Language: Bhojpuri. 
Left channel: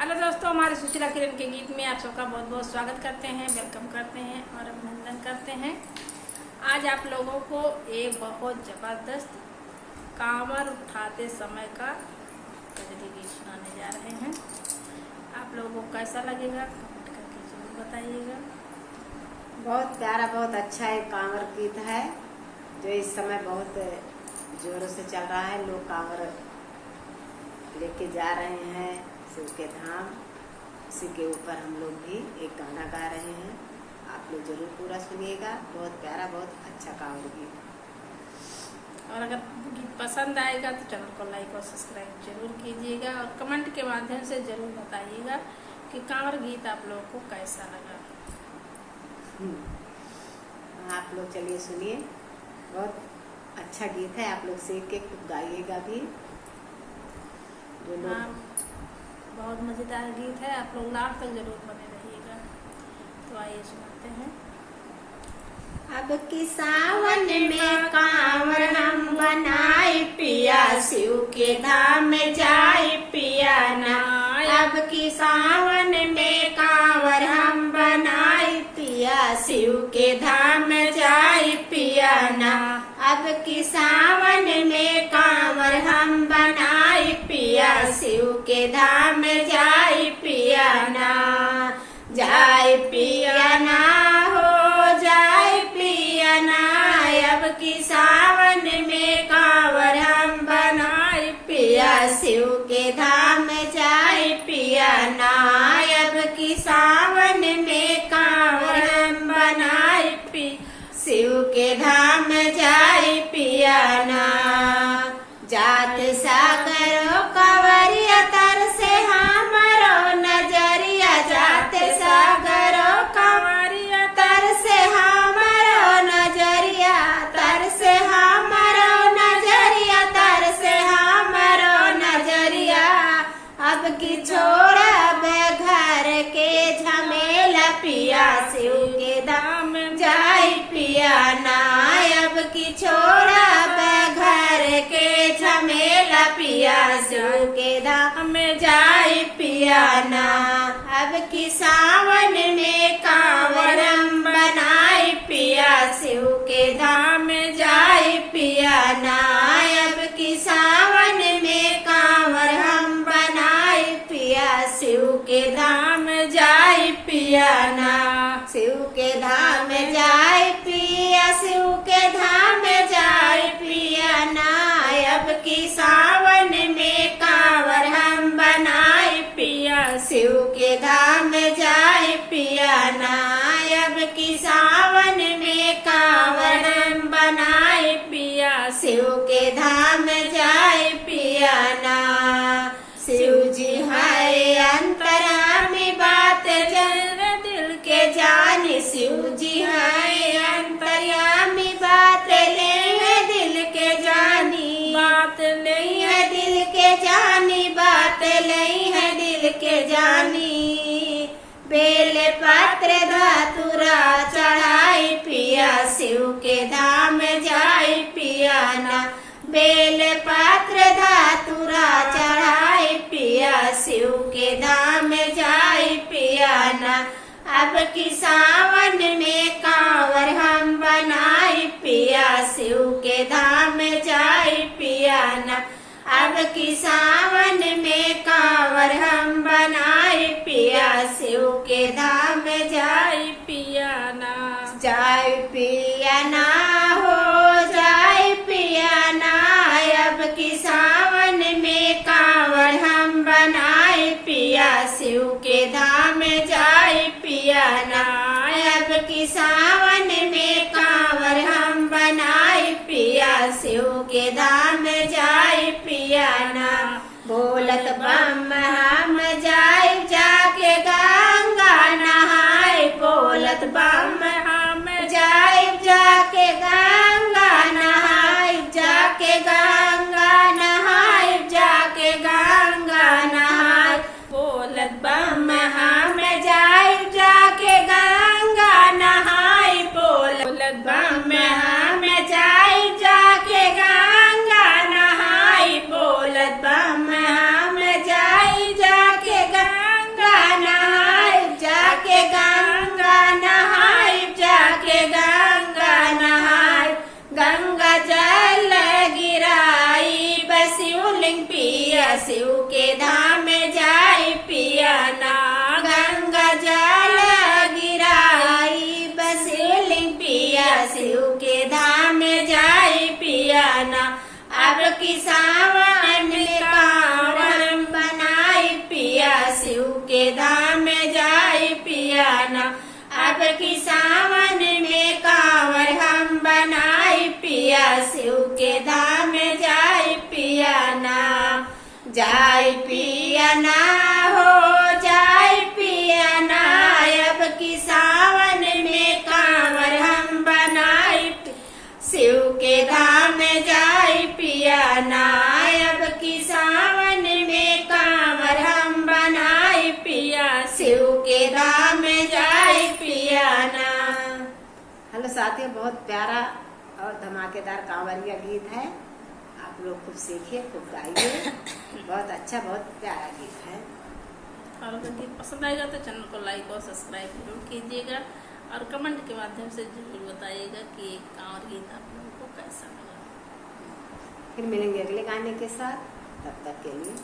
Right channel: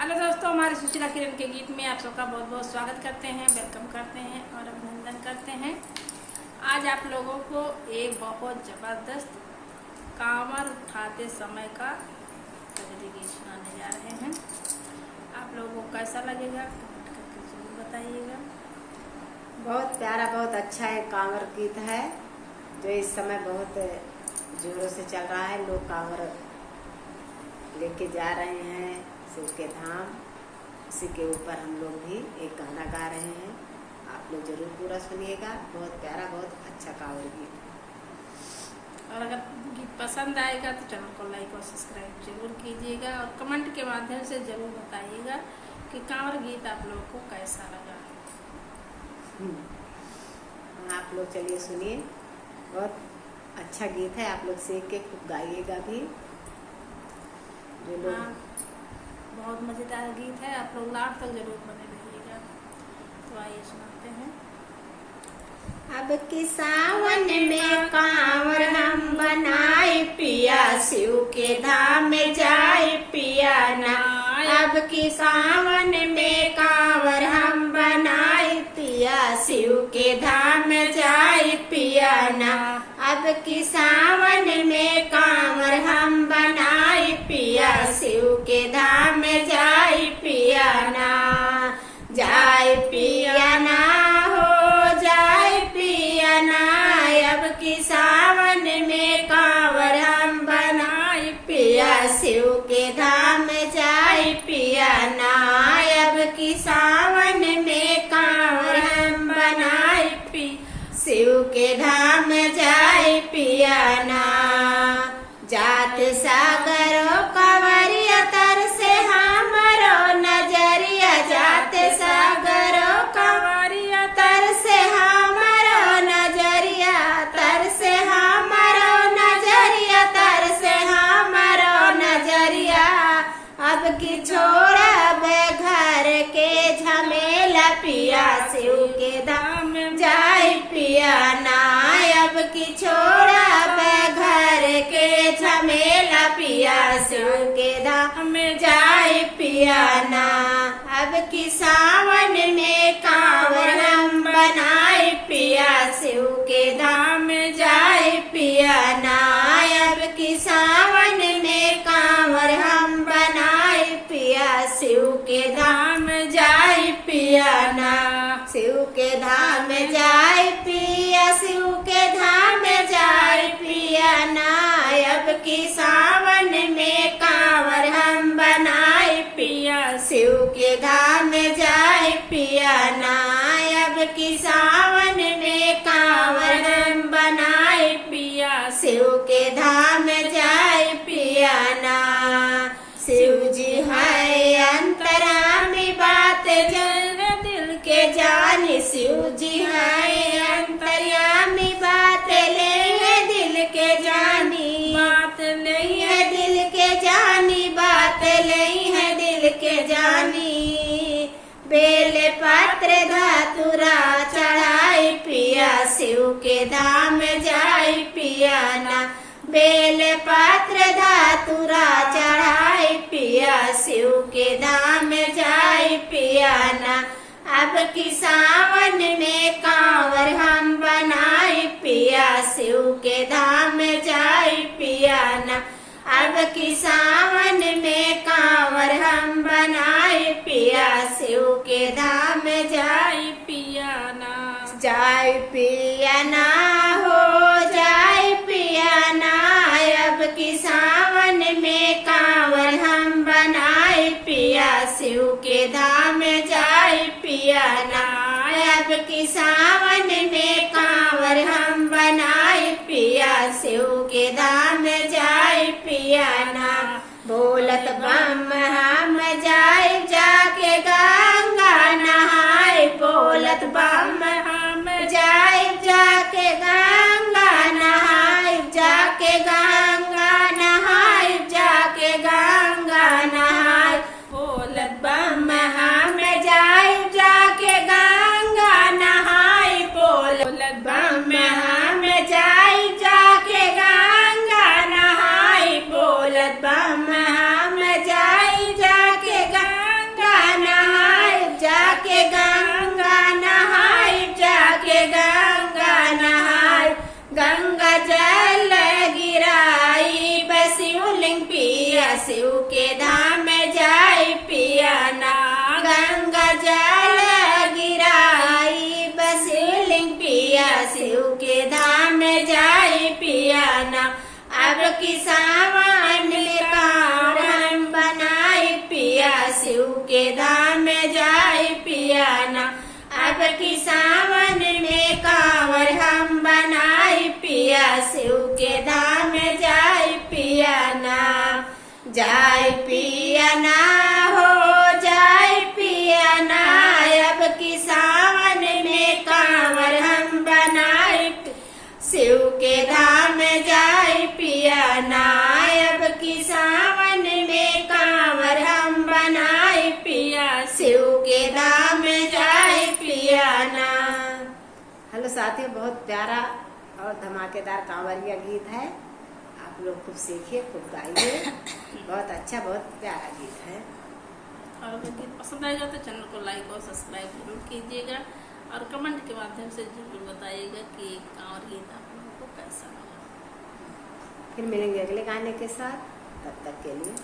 हेलो दोस्तों, हमारे सुशीला किरण के गीत में आप सबका बहुत बहुत स्वागत करते हैं, वेलकम करते हैं और अभिनंदन करते हैं। आज आप लोगों को एक बहुत ज़बरदस्त कांवर उठाते समय का कजरी गीत सुनाने जा रहे हैं। आप लोगों को कैसा लगेगा कमेंट करके जरूर बताइएगा। बहुत प्यारा, बहुत अच्छा एक कांवर गीत है जो इस समय बहुत जोरों से चल रहा है। लोग कांवर लेके जा रहे हैं शिव के धाम। इसी के ऊपर हम लोग भी एक गाना गा रहे हैं, आप लोग जरूर पूरा सुनिएगा। बहुत प्यारा, बहुत अच्छा कांवर गीत। और अगर गीत पसंद आएगा तो चैनल को लाइक और सब्सक्राइब जरूर कीजिएगा और कमेंट के माध्यम से जरूर बताइएगा कि कांवर गीत आप लोगों को कैसा लगा। आप लोग चलिए सुनिए, बहुत अच्छा गीत है। आप लोग सीख के खूब गाइएगा भी। बहुत मजेदार गीत है, आप लोग लास्ट तक जरूर बने रहिएगा। तो आइए सुनाते हैं। अब की सावन में कांवर हम बनाए पिया, शिव के धाम में जाए पिया ना। अब की सावन में कांवर हम बनाए पिया, शिव के धाम में जाए पिया ना। अब की सावन में कांवर हम बनाए पिया, शिव के धाम में जाए पिया ना। जाए पिया ना हो जाए पिया ना। अब की सावन में कांवर हम बनाए पिया, शिव के धाम में जाए पिया ना। अब की सावन में कांवर हम बनाए पिया, शिव के धाम में जाए पिया ना। जात सागरो कंवरिया तर से हमरो नजरिया, जात सागरो कंवरिया तर से हमरो नजरिया, तर से हमरो नजरिया, तर से हमरो नजरिया। अब की छोड़ब घर के झमेला पिया, शिव के धाम जाए पिया ना। अब की छोड़ब घर के झमेला पिया, शिव के धाम जाए पिया ना। अब की सावन में कांवर हम बनाए पिया, शिव के धाम जाए पिया ना। अब की सावन में कांवर हम बनाए पिया, शिव के धाम जाए पिया ना। शिव के धाम जाए पिया, शिव के धाम जाए पिया ना। अब की सावन में कांवर हम बनाए पिया, शिव के धाम जाए पिया ना। अब की सावन में कांवर हम बनाए पिया, शिव के धाम जाए पिया ना। शिव जी है अंतर्यामी, बात जन दिल के जानी। शिव जी है अंतर्यामी, बात नहीं है दिल के जानी, बात नहीं है दिल के जानी, बात नहीं है दिल के जानी। बेल पत्र धतूरा चढ़ाई पिया, शिव के धाम जाए पिया ना। बेल पत्र धतूरा चढ़ाई पिया, शिव के धाम जाए पिया ना। अब की सावन में कांवर हम बनाए पिया, शिव के धाम जाए पिया ना। अब की सावन में कांवर हम बनाए पिया, शिव के धाम जाए पिया ना। जाए पिया ना हो जाए पिया ना। अब की सावन में कांवर हम बनाए पिया, शिव के धाम जाए पिया ना। अब की सावन में कांवर हम बनाए पिया, शिव के धाम जाए पिया ना। बोलत बम हम जाए जाके गंगा नहाए, बोलत बम हम जाए जाके गंगा नहाए, जाके गंगा नहाए, जाके गंगा नहाए। बोलत बम हम जाए जाके गंगा नहाए, बोलत बम हम जाए जाके गंगा नहाए, बोलत बम हम जाए की सावन में कांवर हम बनाई पिया शिव के धाम में जाई पिया ना। अब की सावन में कांवर हम बनाई पिया शिव के धाम में जाई पिया ना। जाई पिया ना हो जाई पिया ना। अब की सावन में कांवर हम बनाई शिव के धाम में जाई पिया ना। अब की सावन में कांवर हम बनाई पिया शिव के धाम में जाई पिया ना। हेलो साथियों, बहुत प्यारा और धमाकेदार कांवरिया गीत है। आप लोग खूब सीखिए, खूब गाइए। बहुत अच्छा, बहुत प्यारा गीत है। और अगर गीत पसंद आएगा तो चैनल को लाइक और सब्सक्राइब जरूर कीजिएगा और कमेंट के माध्यम से जरूर बताइएगा कि कांवर गीत आप लोगों को कैसा लगा। फिर मिलेंगे अगले गाने के साथ, तब तक के लिए